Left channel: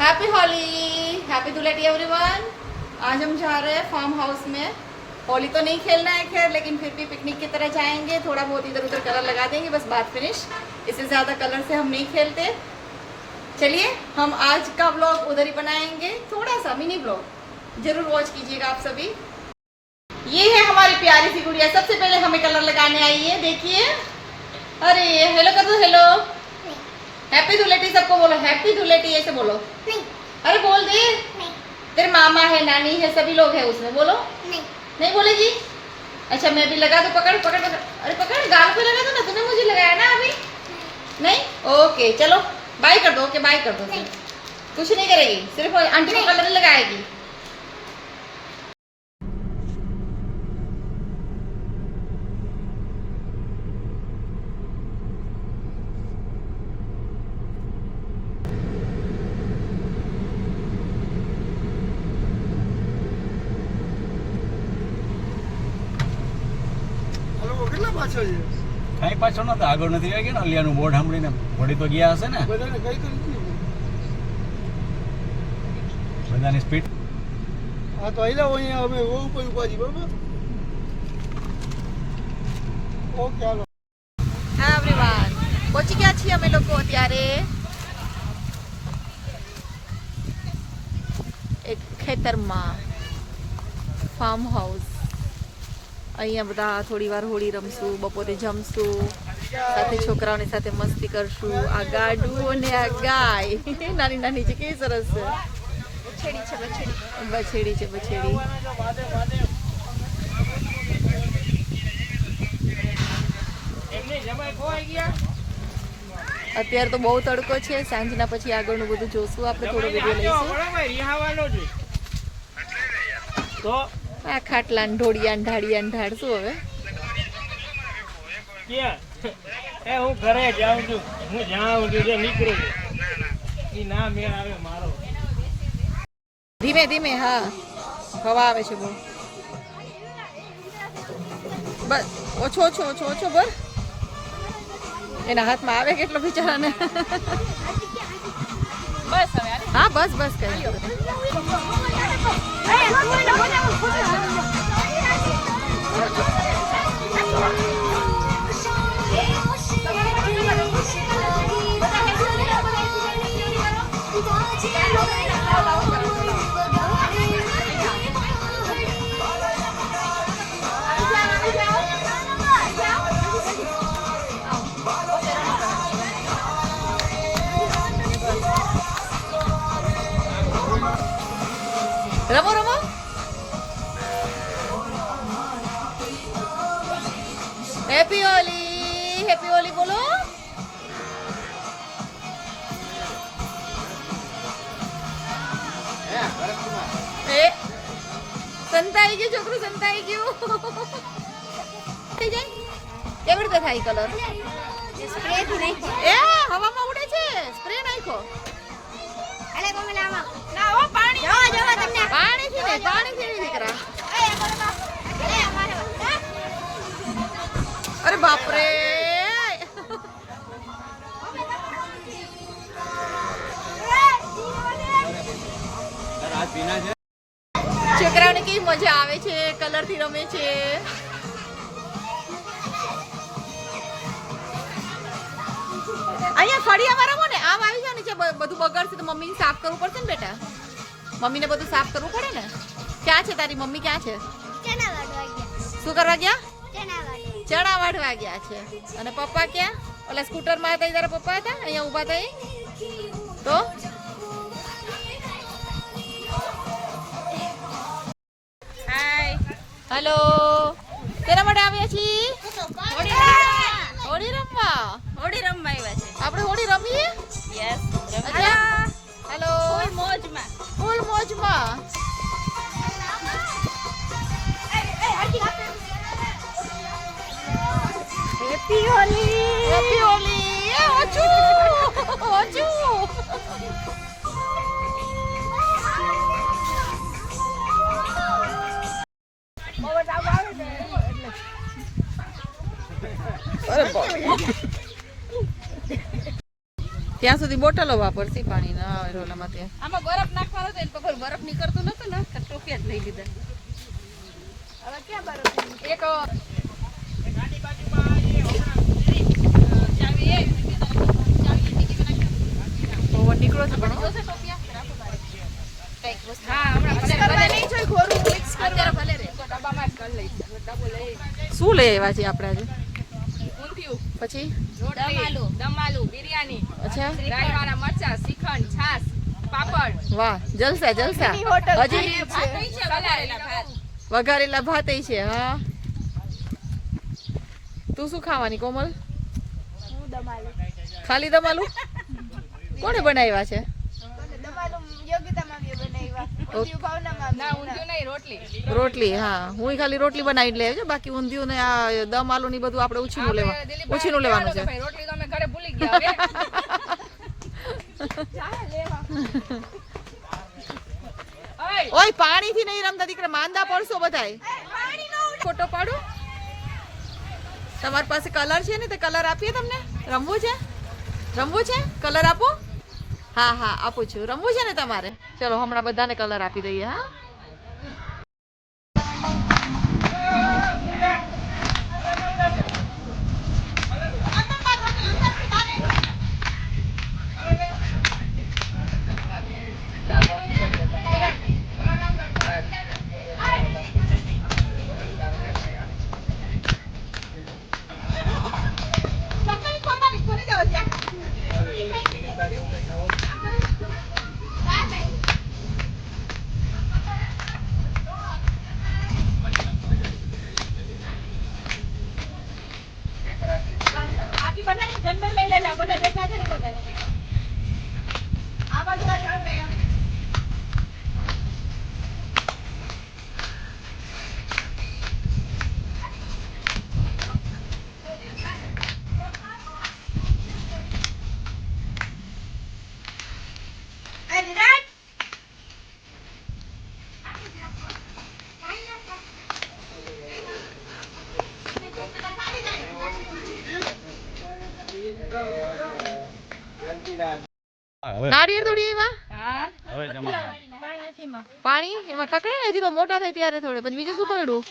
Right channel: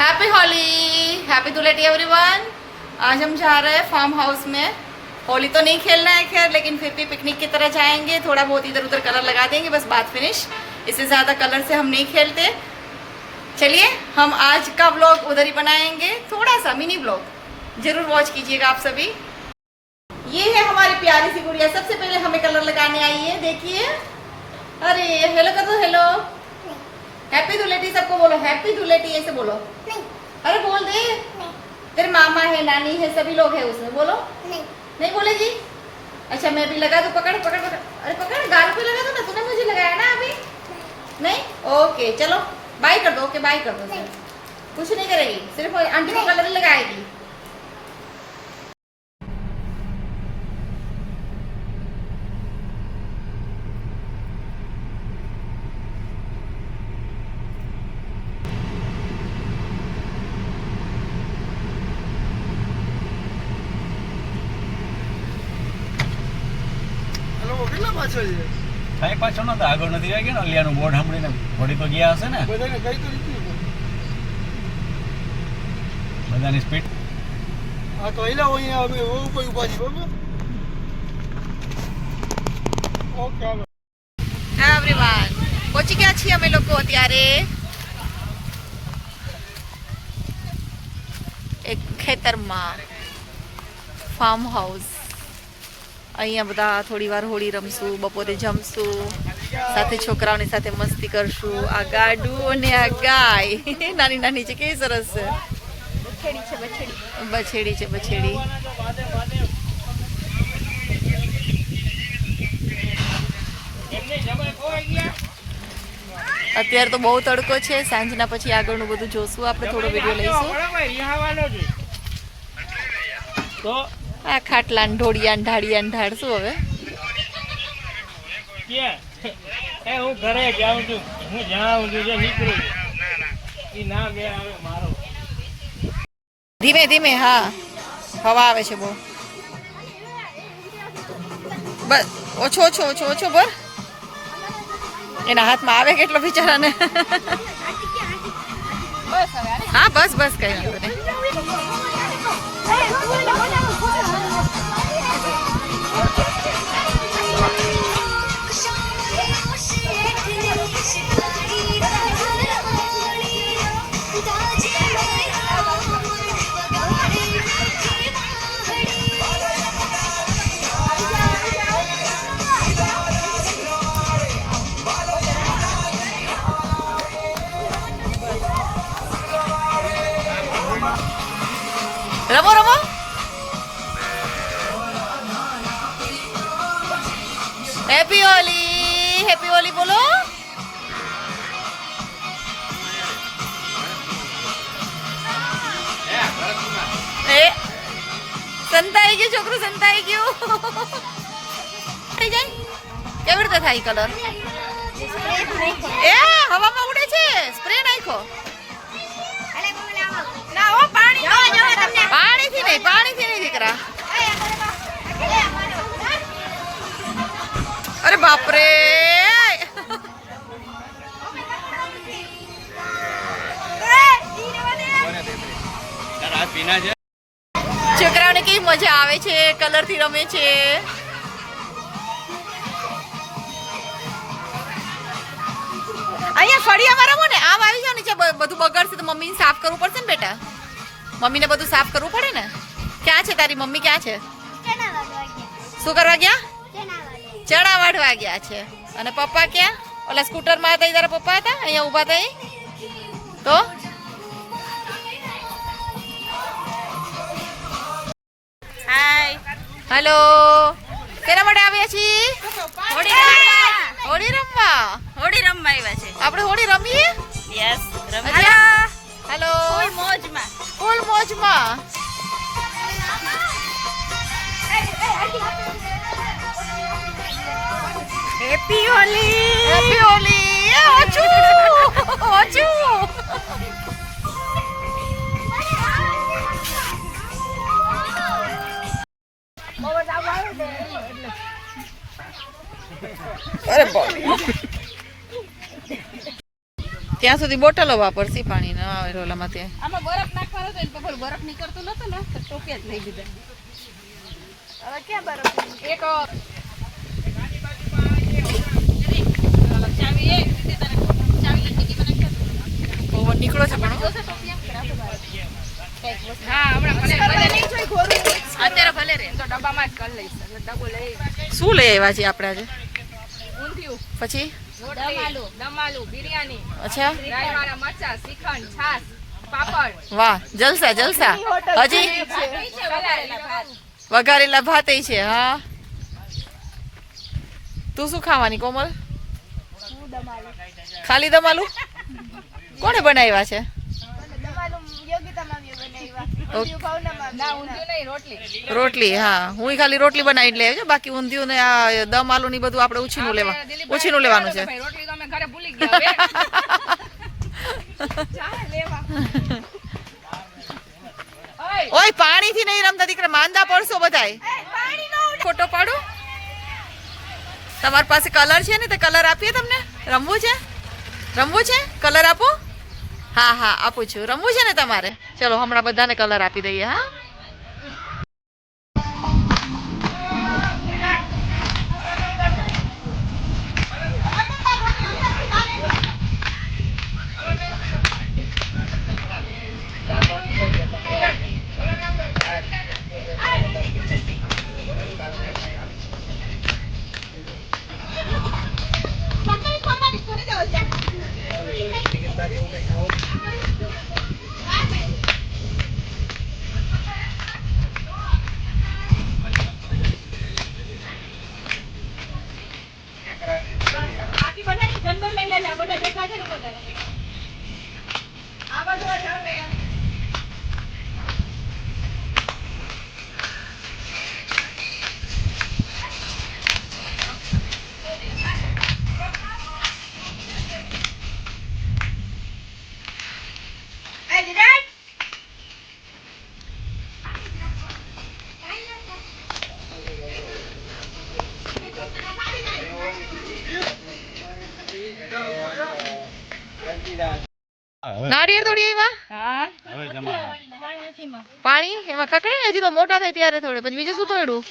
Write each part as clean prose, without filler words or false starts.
Happy Holi, happy Dhuleti everyone. आज हम जा रहे हैं फार्म हाउस में। होली तो नहीं खेलना है खैर, लेकिन फिर भी पिकनिक की तरह जाएंगे। थोड़ा बहुत इधर उधर कलर लगा देंगे, बस बात फिनिश। इससे ज़्यादा कलर से हम नहीं खेलते। चलिए हम आज का व्लॉग उधर ही बनाएंगे, थोड़ा सा मिनी व्लॉग जरूर वॉच कीजिएगा आप सभी। ये है हमारी प्यारी सी गुड़िया, सबसे पहले हमें कलर लगाने आई है। देखिए, अरे हेलो कर दो, हेलो हैप्पी धुलेटी सबको बोलो, हैप्पी धुलेटी ऐसे बोलो। नहीं। अरे बोल दे। नहीं। तेरे मामा है, नानी है, सभी लोग हैं उसमें, बोलो। नहीं। नहीं बोलेगी? अच्छा मैं भी लगा दो, पकड़ पकड़ पकड़। अरे पकड़, गाल को लगा दो ना, तुमने मुझे लगाया ना अभी। नहीं, ओके चलो बाय कर दो। ओके बाय कर दो। कुछ नहीं करेगी, सिर्फ आंटी को कलर लगाएगी। કઈ પાછો નતો, આગળ નથી આવી ગયો ને અલિયાનું બોર્ડ સાંભળીને વળી તો ગયા હશે ને બધાની સ્પીડ. હા એવરીવન, પહોંચી ગયા છીએ અમે લોકો અત્યારે એક ખેતરમાં, ફાર્મ હાઉસ. અહીંયા બધા થોડી વાર હોળી રમશું, બપોરે જમશું, સાથે છોકરાઓની સાથે મસ્તી કરશું. આ ગાડું અને આ ગાય નાની નાની છે, કેવી સરસ છે. બછેડી છે, બછેડી. અત્યારે તો બહુ તડકો છે, સાંજના પછી આગળનું બધું જોશું આપણે, થોડો વિડીયો લઈશું. આ ખાટલાન ઢોળિયાન ઢાળિયાન ઢાળશું હવે. હું ઘરે જાઉં છું, હું જાઉં છું, જે નીકળું છું ના મેળ આવે મારો. ધીમે ધીમે, હા હવા આવે છે બહુ. બસ ઓછો ઓછો ઓછો ઓછો ભર. એના હાથમાં આવે કેટલો બિચારાને. બસ હા બસ બસ કઈ વાંધો નહીં. રમો રમો. હેપી હોલી, હેપી હોલી બોલો. એ સંતાઈ ગયું છોકરું, સંતાઈ ગયું. થઈ જાય કેવી રીતે થાય કલર? એ હવામાં ઉડે છે, સ્પ્રે નાખ્યો. પાણીથી નહીં, પાણીથી નહીં દીકરા. અરે બાપરે, છોકરાઓને કેવી મજા આવે છે, કલર થી રમે છે. અહીંયા ફળિયામાં રમો ને, આમ આવી જાવ ને, બધું બગડશે તો મમ્મીને સાફ કરવું પડશે ને બેટા. મમ્મીને બધું સાફ કરવું પડે ને. ક્યાં છે તારી મમ્મી, ક્યાં છે? શું કરવા ગયા? ચણા વાઢવા ગયા છે. અને પપ્પા ક્યાં? ઓલા સ્કૂટરમાં હતા, તારા પપ્પા હતા અહીંયા ઊભા હતા. તો હાય, હેલો. કેના માટે આવ્યા છીએ? હોળી રમવા. હોળી રમવા આવ્યા છે આપણે હોળી રમીએ. Yes hello. ફૂલ મોજમાં. ફૂલ મોજમાં. હેપી હોલી. હેપી હોલી. ઓછું ઓછું. અરે બાપ. ત્યાં સુધી બોટલો વાપરશી પાણી ના આવે રોલામાં ત્યાં. આમાં બરફ નાખવાનો તો બપોર બરફ નીકળતું નતું ને તો ટોપિયા જ લઈ લીધા. હવે ક્યાં બરફ? એક ચાવી એક ચાવી ટીકીમાં નાખી. પવન નીકળો છે પણ હા હમણાં ભલે નહીં જોઈ ખોરું અત્યારે ભલે રે તો ડબ્બામાં જ કરી લઈશ એટલે ડબ્બો લઈ શું લઈ આવ્યા છીએ આપણે આજે? ઊંધિયું પછી દમ આલુ બિરયાની અચ્છા રાઈવાળા મરચા શ્રીખંડ છાસ પાપડ વાહ જલસા જલસા. હજી વઘારેલા ભાત વઘારેલા ભાત છે. હા તું શું ખાવાની કોમલ? ખાલી દમાલુ? કોણે બનાવ્યા છે? ના ઊંધિયું નહીં રોટલી રોટલી. હા હું ખાલી રોટલી બનાવી લે છે, બાકી ઊંધિયું ને આ દમ આલુ ની બધું આપણે ઉછીનું લેવાનું છે. ભાઈ રોટલી તો અમે ઘરે ભૂલી ગયા હવે ચાલ લેવા ઓય પાણી થી નહીં રમતા દીકરા, માંદા પડશો બધાય. ફોટો પાડો. તમારી પાસે કલર છે ને તે કલર આપીએ તમને? રમવું છે? કલર આપો. હા હા આપું છું. રમવું છે ને તમારે? ચલો હમણાં બધાને કલર આપી દઈએ. હા નારિયેળ તોડી આવ્યા. પાણી એમાં કકડે ને હજી તો મોટા થાય ત્યારે થોડે. પછી બીજું શું તોડ્યું?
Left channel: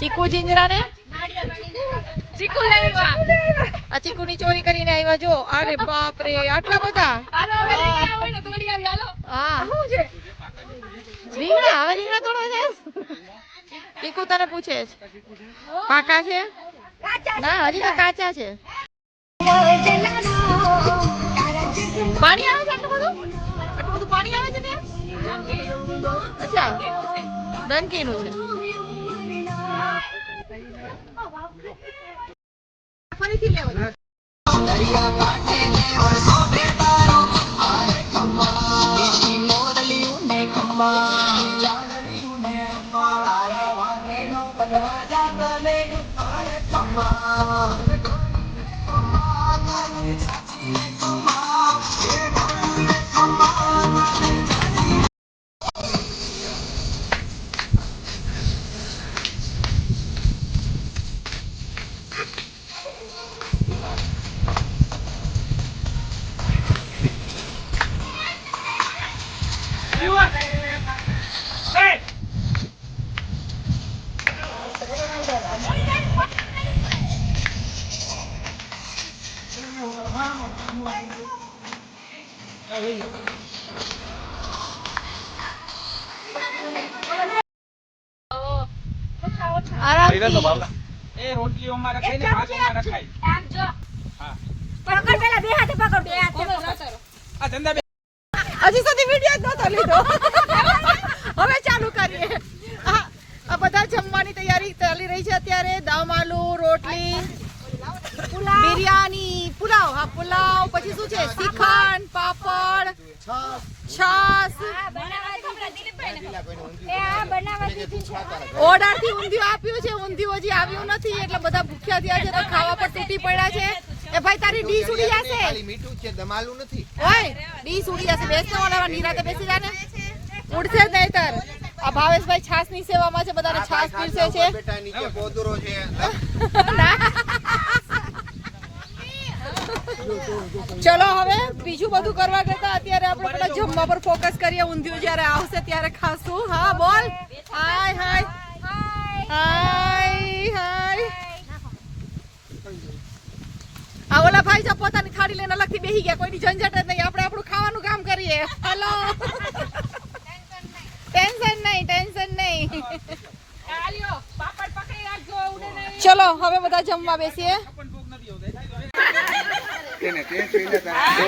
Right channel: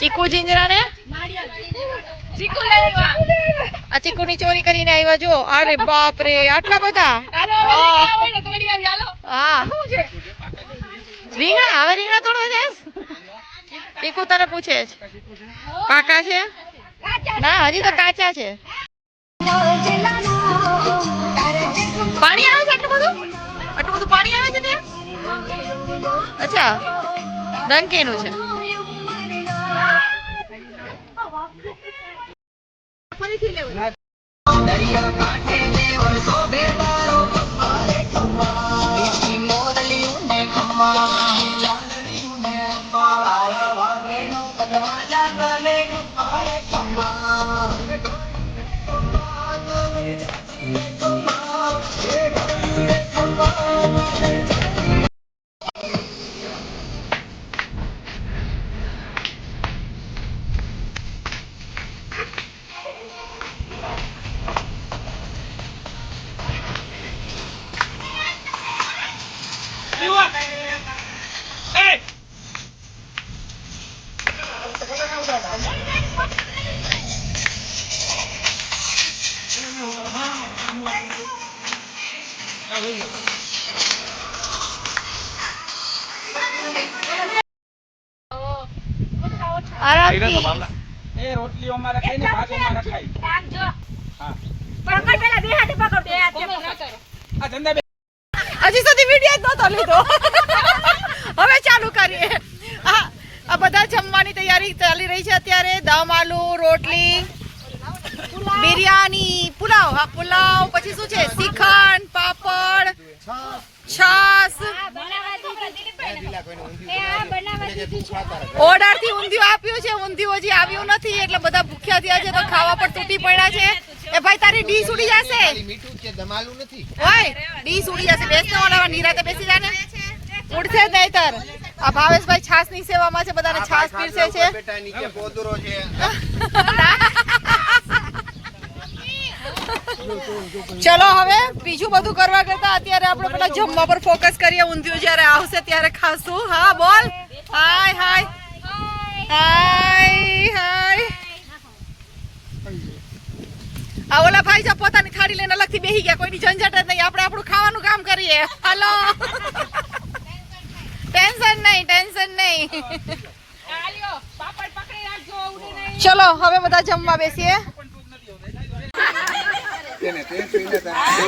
ચીકુ જીંજરા ને આ ચીકુ ની ચોરી કરીને આવ્યા. જો અરે બાપ રે આટલા બધા. હા રીંગણા. હવે રીંગણા તોડવા જાય. ચીકુ તને પૂછે છે પાકા છે? ના હજી તો કાચા છે. પાણી આવે છે આટલું બધું પાણી આવે છે ત્યાં? અચ્છા ડંકીનું છે. એ રોટલીઓ અમારે ખાઈને ભાગ અમારે ખાઈ. હા આ ધંધા હજી સુધી વિડીયો જ નહોતો લીધો. હવે ચાલુ કરીએ. આ બધા જમવાની તૈયારી ચાલી રહી છે અત્યારે. દમ આલુ, રોટલી, બિરયાની, પુલાવ. હા પુલાવ. પછી શું છે? શ્રીખંડ, પાપડ, છાસ. ઓર્ડર થી ઊંધિયું આપ્યું છે. ઊંધિયું હજી આવ્યું નથી એટલે બધા ભૂખ્યા થયા છે તો ખાવા પર તૂટી પડ્યા છે. એ ભાઈ તારી ડીશ ઉડી જશે. મીઠું છે દમાલું નથી. ઓય ડીશ ઉડી જશે. બેસને ઓલા નિરાતે બેસી જા ને. ઉડશે જ નહીતર. આ ભાવેશભાઈ છાસ ની સેવામાં છે. બધાને છાસ પીરસે છે. બેટા નીચે પોદરો છે. ના ચલો હવે બીજું બધું કરવા કરતા અત્યારે આપણે પેલા જમવા પર ફોકસ કરીએ. ઊંધિયું જ્યારે આવશે ત્યારે ખાશું. હા બોલ. હાય હાય હાય હાય. આ ઓલા ભાઈ જો પોતાની થાળી લઈને અલગથી બેસી ગયા. કોઈની ઝંઝટ જ નહીં. આપણે આપણું ખાવાનું કામ કરીએ. હલો. ટેન્શન નહીં, ટેન્શન નહીં. ચલો હવે બધા જમવા બેસીએ. તેને તે જોઈને તારો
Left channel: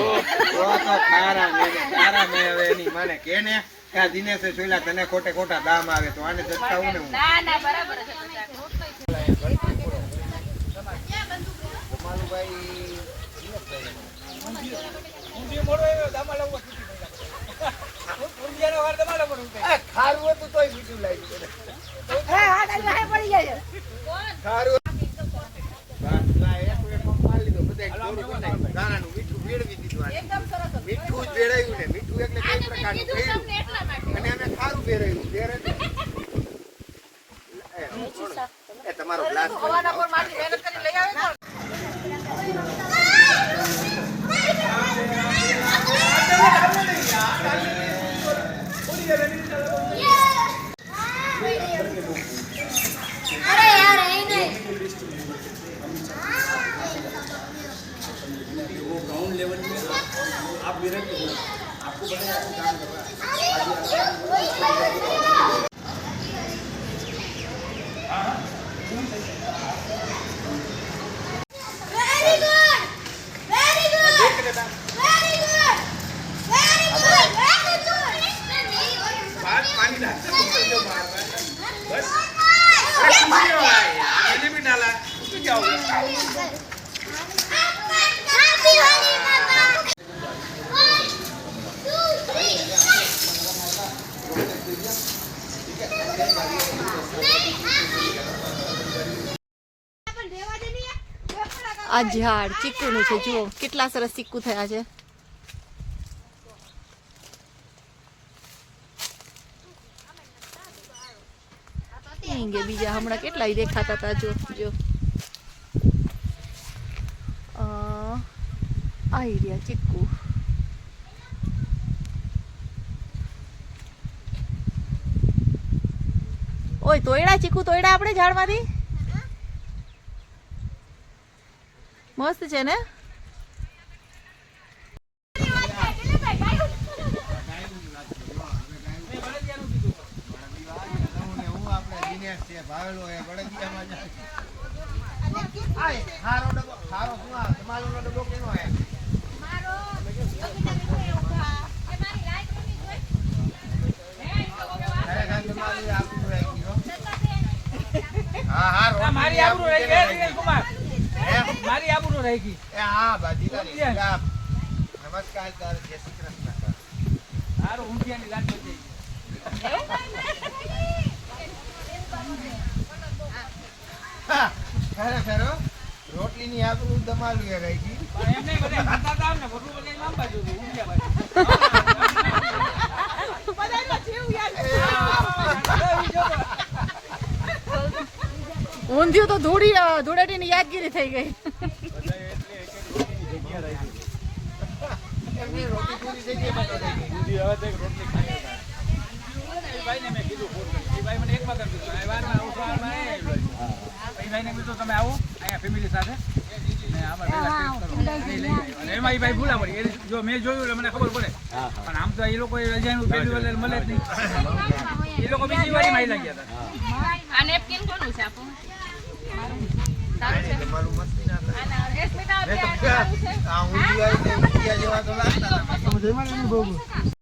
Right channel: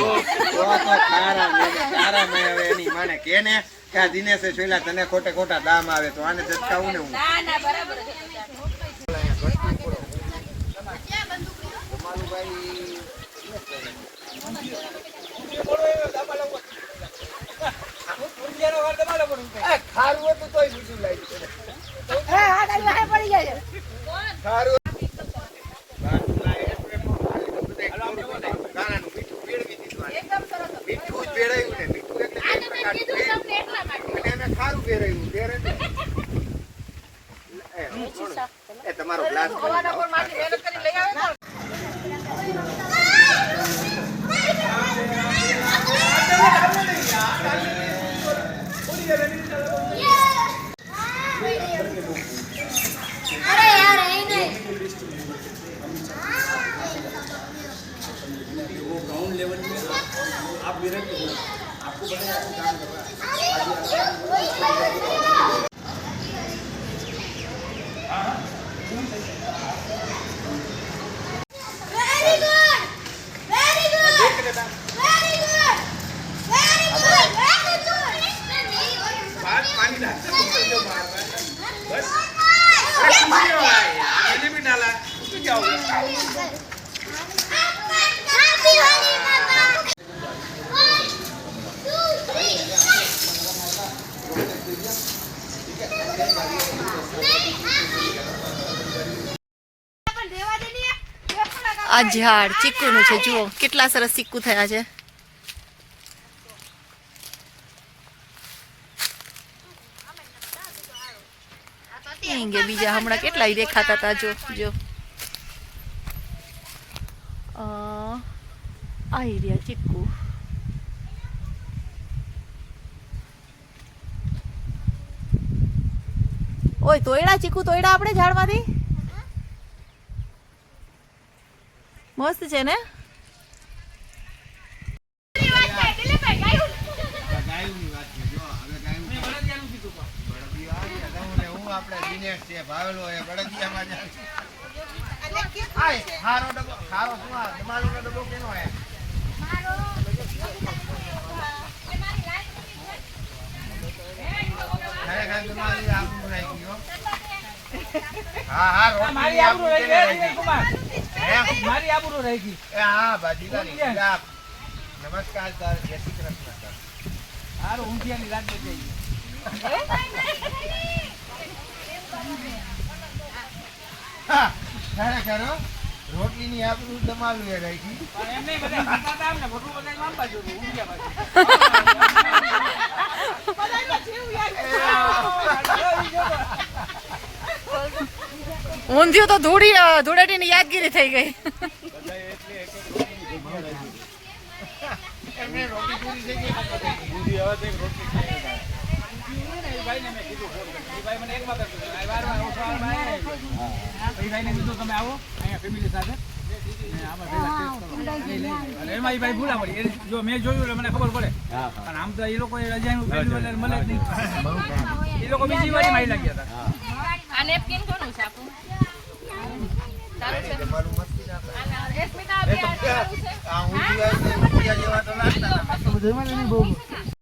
ખારા મેં હવે એની માને કે ને કે આ દિનેશે જોઈલા તને ખોટે ખોટા દામ આવે તો આને જતાવું ને હું ના ના બરાબર છે ખારું હતું તોય બીજું લાગ્યું ખારું મીઠું ભેળાયું ને મીઠું અને આને ખારું ભેળાયું એ તમારો ગ્લાસ આ ઝાડ ચીકુનું છે. જુઓ કેટલા સરસ ચીકુ થયા છે. બીજા હમણાં કેટલા દેખાતા હતા. જો જો આવી રહ્યા ચીકુ. ઓય તોયડા ચીકુ તોયડા આપણે ઝાડમાંથી. મસ્ત છે ને. મારી આબરૂ રહી ગઈ વિજય કુમાર, મારી આબરૂ રહી ગઈ. હા બાજી નમસ્કાર સર, જય શ્રી કૃષ્ણ. સારું ઊંધિયાની લાટ બચી ખરેખર રોટલી ની આપણું દમાલું એ રહી ગઈ. એમ નહીં બધા ખાતા હતા ને બધું બધા આમ બાજુ ઊંધિયા બાજુ. ઊંધિયું તો ધૂળેટીની યાદગીરી થઈ ગઈ. ભાઈને મેં કીધું ફોન કરી, ભાઈ મને એક વખત કીધું વારમાં આવો સવારમાં એ ભાઈને કીધું તમે આવો અહીંયા ફેમિલી સાથે ને આમાં ભેગા એમાં એ ભાઈ ભૂલા પડી. જો મેં જોયું એટલે મને ખબર પડે. પણ આમ તો એ લોકો રજાનું પહેલી વાર મળે જ નહીં. એ લોકો બીજી વાર મારી લાગ્યા હતા. આ નેપકિન કોનું છે આપણું? આ ઊંધિયા જેવા તો લાગતા